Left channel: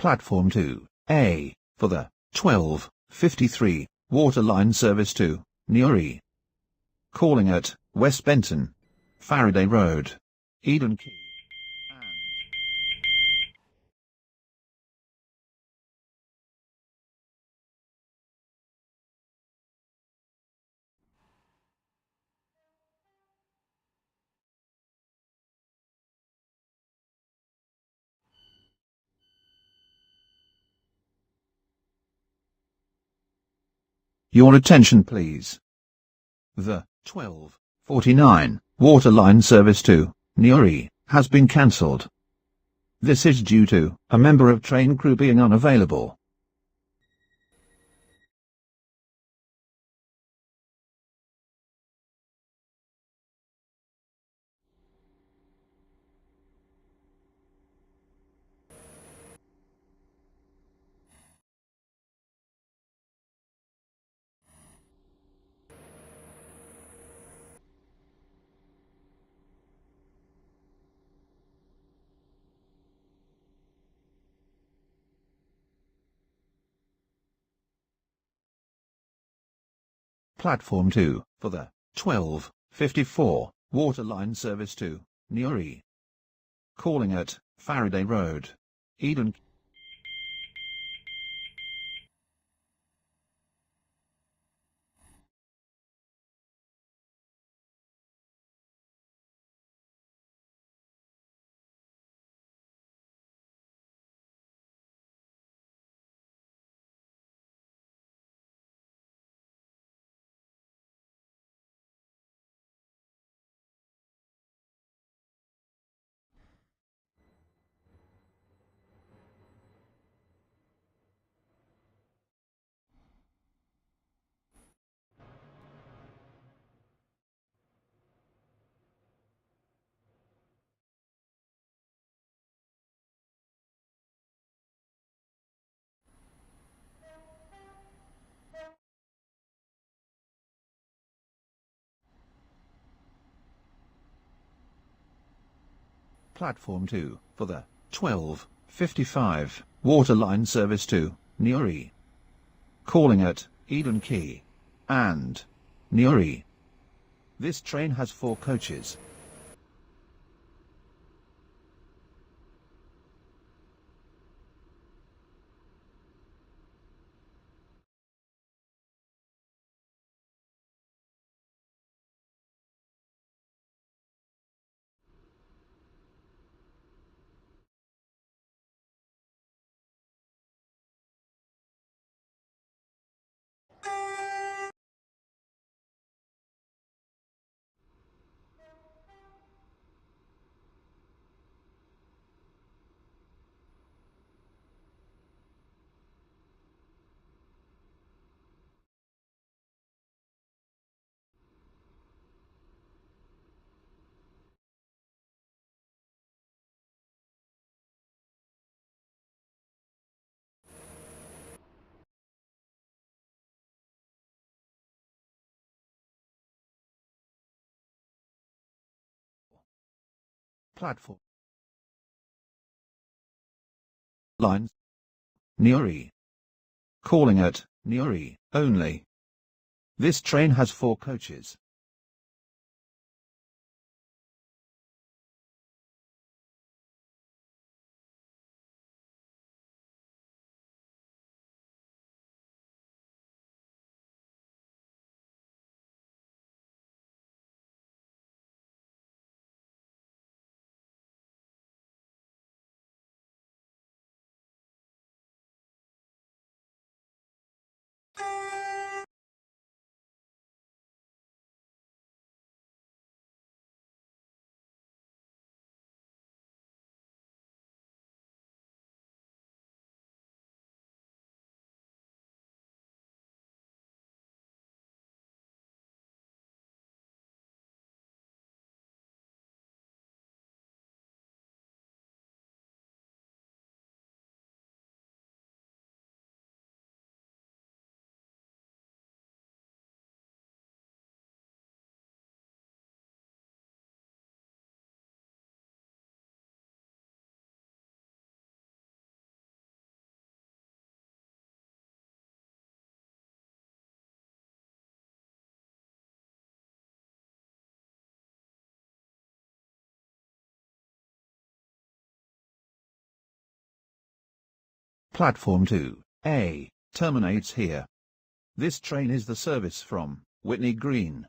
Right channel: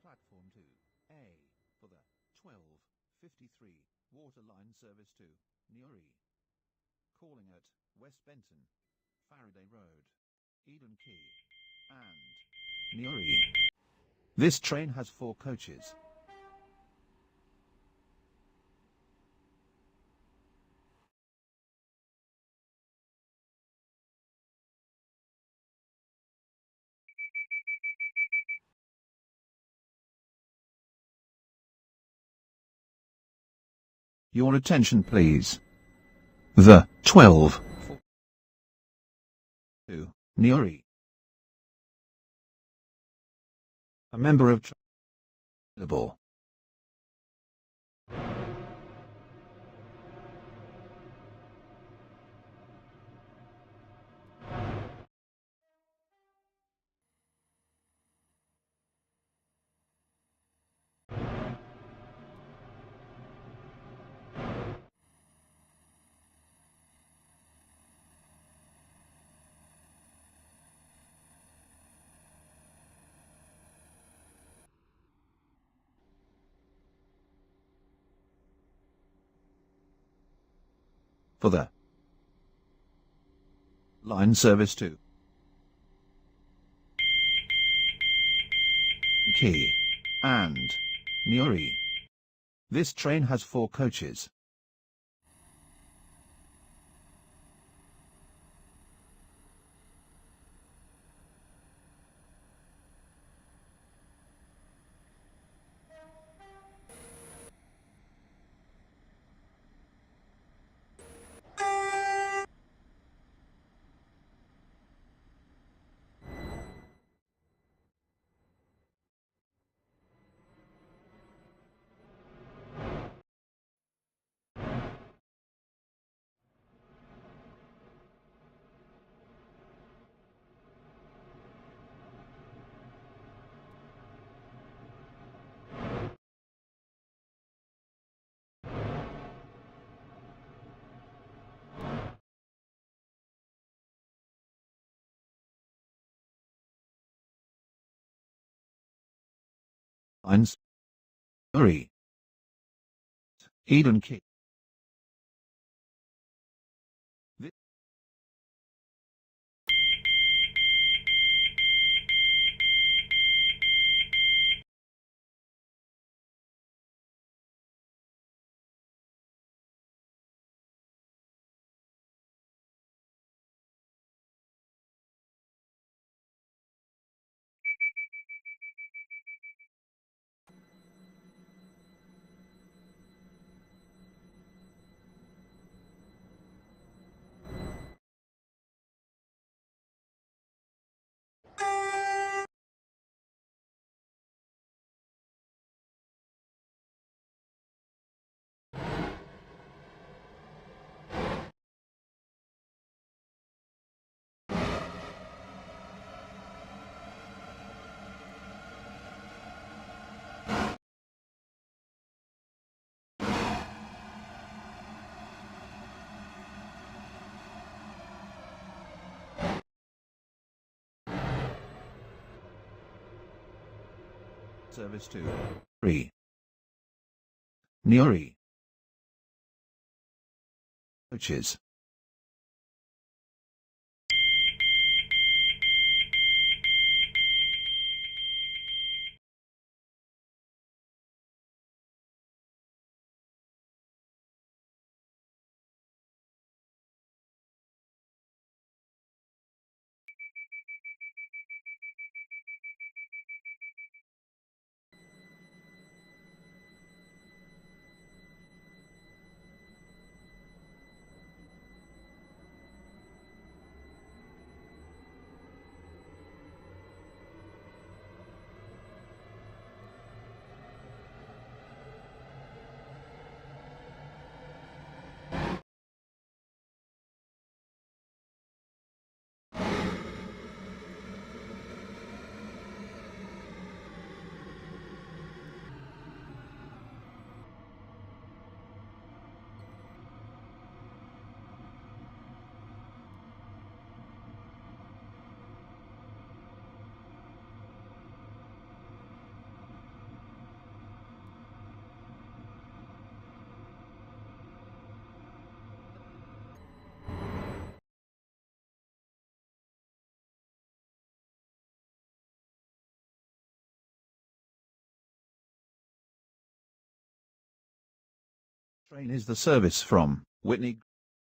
Platform 2A, for the 12:53 water line service to Newry. Calling at West Benton, Faraday Road, Eden Quay, and Newry. This train has 4 coaches. Your attention please. The 12:49 water line service to Newry has been cancelled. This is due to a member of train crew being unavailable. Platform 2 for the 12:54 water line service to Newry. Calling at Faraday Road, Eden Quay, and Newry. This train has 4 coaches. Platform 2 for the 12:55 water line service to Newry. Calling at Eden Quay and Newry. This train has 4 coaches. Platform line service to Newry. Calling at Newry only. This train has 4 coaches. Platform 2A terminates here. This train is the service from Whitney Green.